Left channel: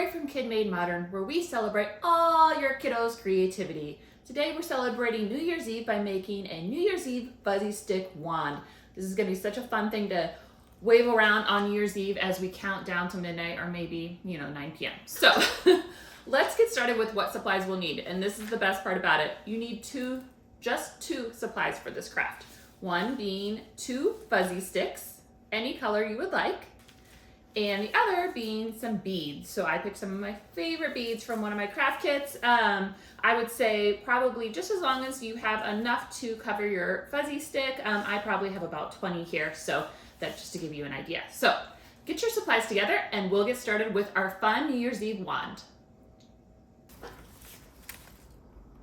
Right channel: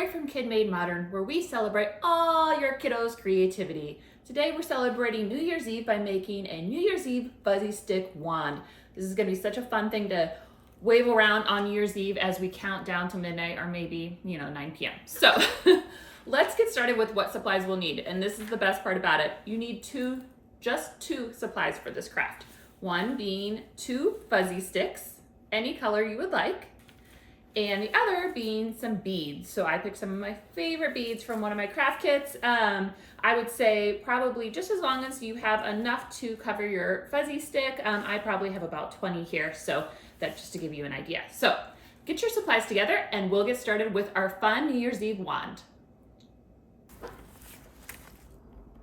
Laurie from Kid Made Modern, where we celebrate all your kiddos' creativity. Today we're celebrating New Year's Eve by making a New Year's Eve fuzzy stick wand. This is gonna be such a fun thing to wave around on New Year's Eve as we count down to midnight or maybe, 9 p.m. So let's get started with what supplies we'll need. And this is the best part about it. You need just two supplies for this craft. One being 2 fuzzy sticks, any color you would like, and the other being some beads. So I picked some of my favorite beads from one of my craft kits. I would say probably just as long as you have enough to cover your fuzzy stick. I probably have about 20 here, so that's just to give you an idea. So get your supplies together and we'll get started with our fun New Year's Eve wand.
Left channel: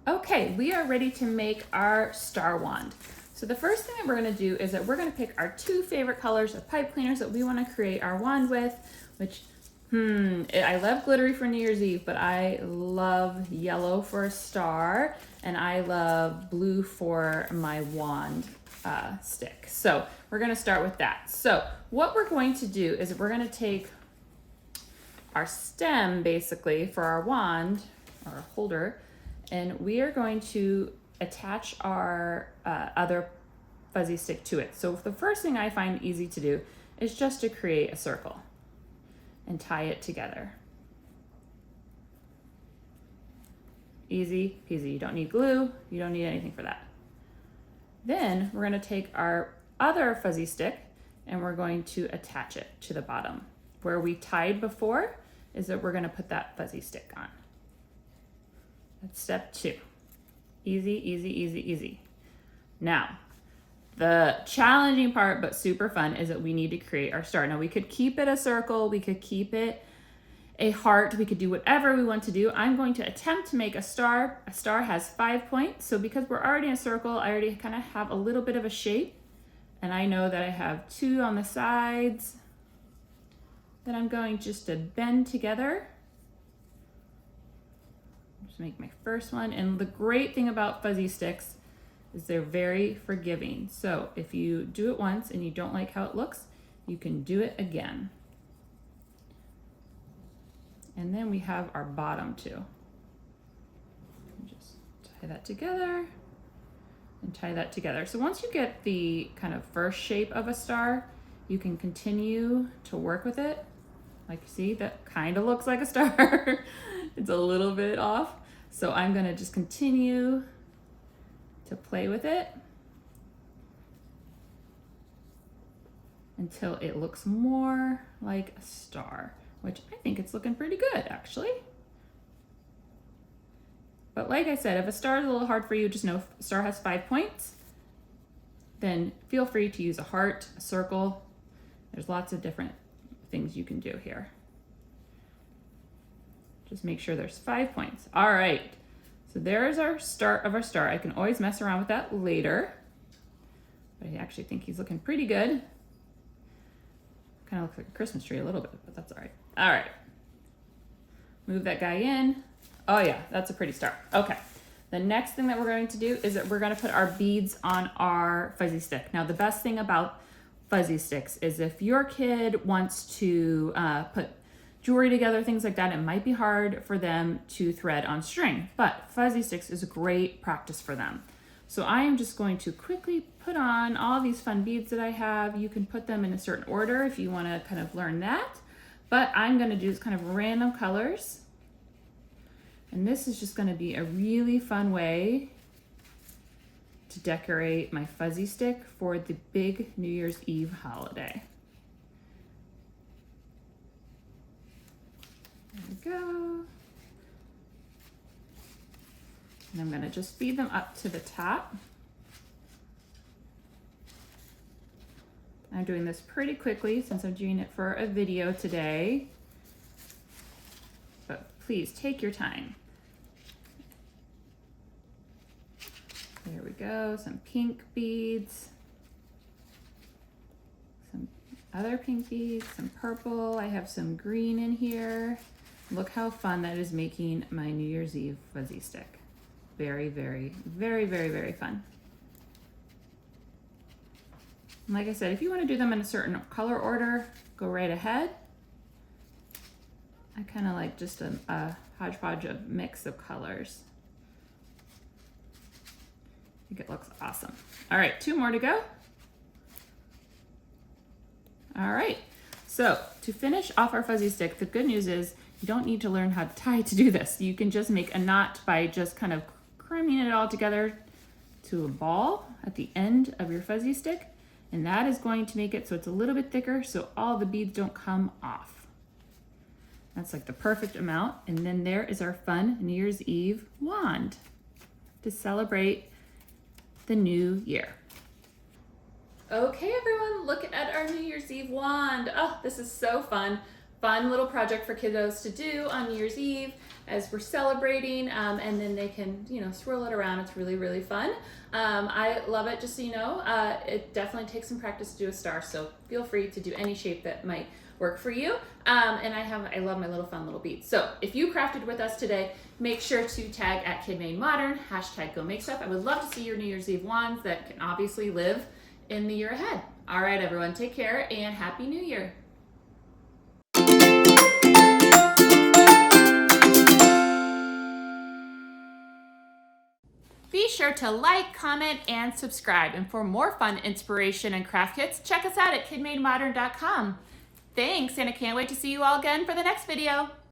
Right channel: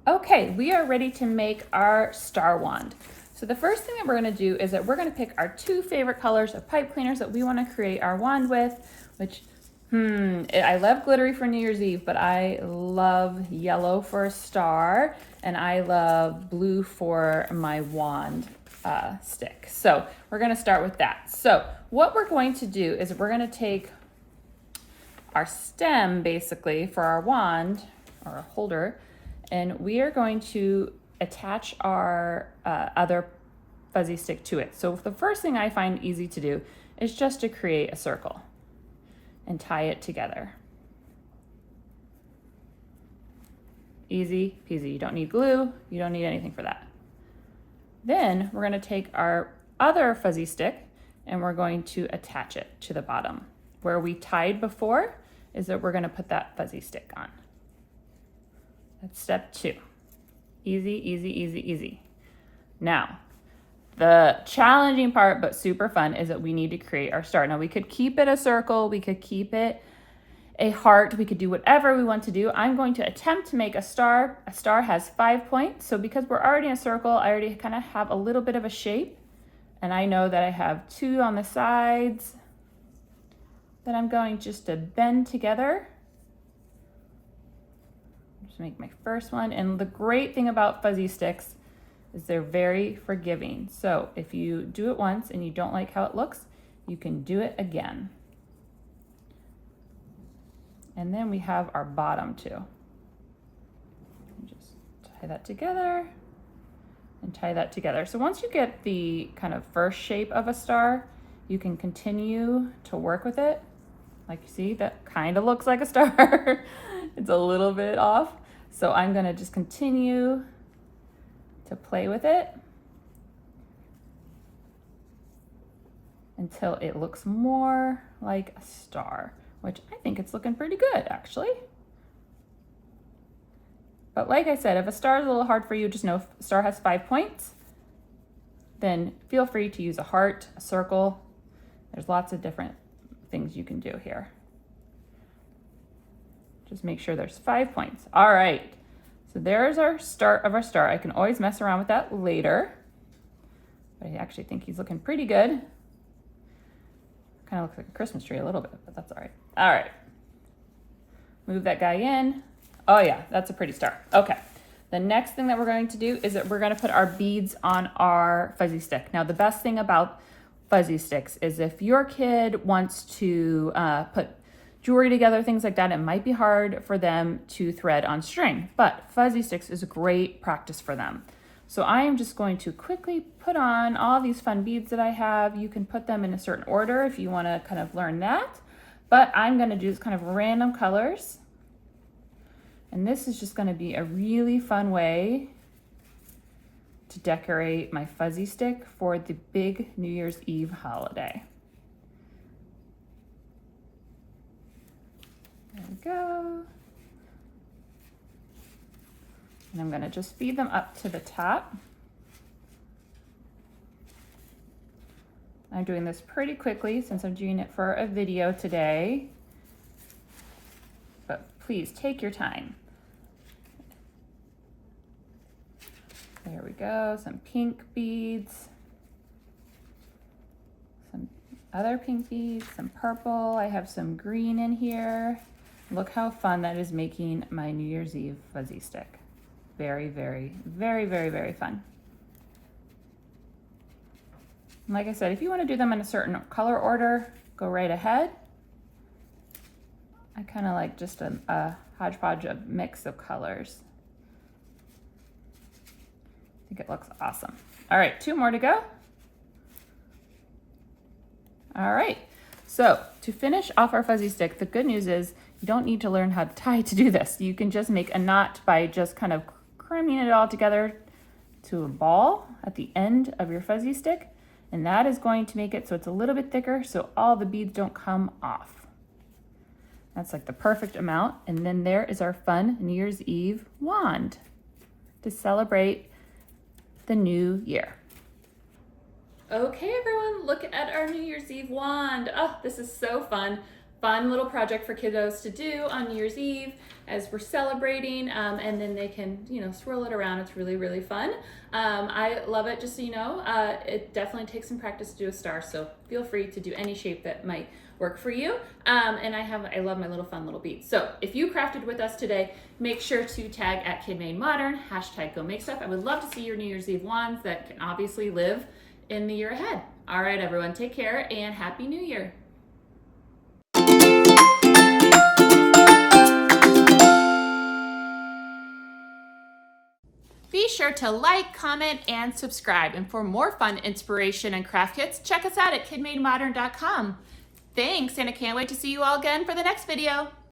Okay, we are ready to make our star wand. So the first thing that we're gonna do is that we're gonna pick our 2 favorite colors of pipe cleaners that we wanna create our wand with, which, I love glittery for New Year's Eve, but I love yellow for a star, and I love blue for my wand stick. So we're gonna start with that. So what we're going to do is we're gonna take our stem, basically, for our wand, or our holder, and we are going to attach our other fuzzy stick to it. So the first thing I find easy to do is just to create a circle and tie it together. Easy peasy. You don't need glue, you don't need anything for that. Then we're gonna take our other fuzzy stick and we're going to attach it to the bottom. Where we tied before is that we're gonna put that fuzzy stick on. That's step 2. Easy, easy, easy, easy. Now, the challenging part, but super fun, is that we need to create our star. Now, we could keep it a circle, we could keep it a heart, we could do whatever we want to do. I'm going to attempt to make a star. A star has 5 points, so because we're already in a circle, I already kind of have a little bit of a shape, and I know that I have 2 on the sides that I'm going just to bend together. Make my first one. And the great thing about fuzzy sticks is they're very forgiving. So if you do it once and you don't like how it looks, you can do it again. And then we have our bottom too. Just tie that together and tie that together. So once you get the kind of first shape of a star, you can continue to work with it. Like you see, that kind of looks like a star. It's a little bit off. So I'm gonna just continue to play with it until it looks more like a star, which I think it's looking pretty good, actually. But like I said, if a star is a little hard for you, just know if a star has 5 points, then feel free to use a heart, a circle. There's lots of different things you can do here. Just make sure there's 5 points. All right, so there's our start of our star. I can always mess around with that later, but I actually think he's looking pretty good. Kind of looks like a Christmas tree a little bit, but that's all right. All right, move that guy in. Oh yeah, that's a pretty star. Okay, the next thing that we're going to do is that we're gonna put our beads on our fuzzy stick. Now, the best thing about fuzzy sticks is if your kid wants to put jewelry together, things like that, it might be hard for them to thread on string, but fuzzy sticks is a great practice for them. So I am just going to quickly put on all these fun beads that I have. You can put them in a certain order if you want to kind of learn that, but I'm going to do kind of random colors. And this is just going to be a really fun way to decorate my fuzzy stick for the big New Year's Eve holiday. There we go. And I'm gonna just feed them up to the top. I'm doing this pretty quickly since I'm doing it for a video today, but please take your time. There we go, some pink beads, some other pink beads, some purple. I have some green in here. Look how fun that is making my New Year's Eve fuzzy stick. Very, very, very, very, very fun. And like I said, if you want to do them in a certain color order, go right ahead. I kind of like just a hodgepodge of mix of colors. I think it looks awesome. All right, 2 more to go. All right, so to finish off our fuzzy stick, the good news is you don't need to learn how to tie to do this. You can just make a knot by just kind of cramming it all together to a ball at the end of your fuzzy stick, and that is going to make it so it's a little bit thicker so all the beads don't come off. That's like the perfect amount. And then there is our fun New Year's Eve wand to celebrate the new year. Okay, everyone, look at our New Year's Eve wand. Oh, this is so fun. Fun little project for kiddos to do on New Year's Eve as we're celebrating, and then they can, you know, swirl it around. It's really, really fun. I love it, just so you know. It definitely takes some practice to do a star, so feel free to do any shape that might work for you. And I love my little fun little beads. So if you crafted with us today, make sure to tag at KidMadeModern, #GoMakeStuff. I would love to see your New Year's Eve wands that can obviously live in the year ahead. All right, everyone, take care and Happy New Year. Be sure to like, comment, and subscribe. And for more fun inspiration and craft kits, check us out at KidMadeModern.com. Thanks, and I can't wait to see you all again for the next video.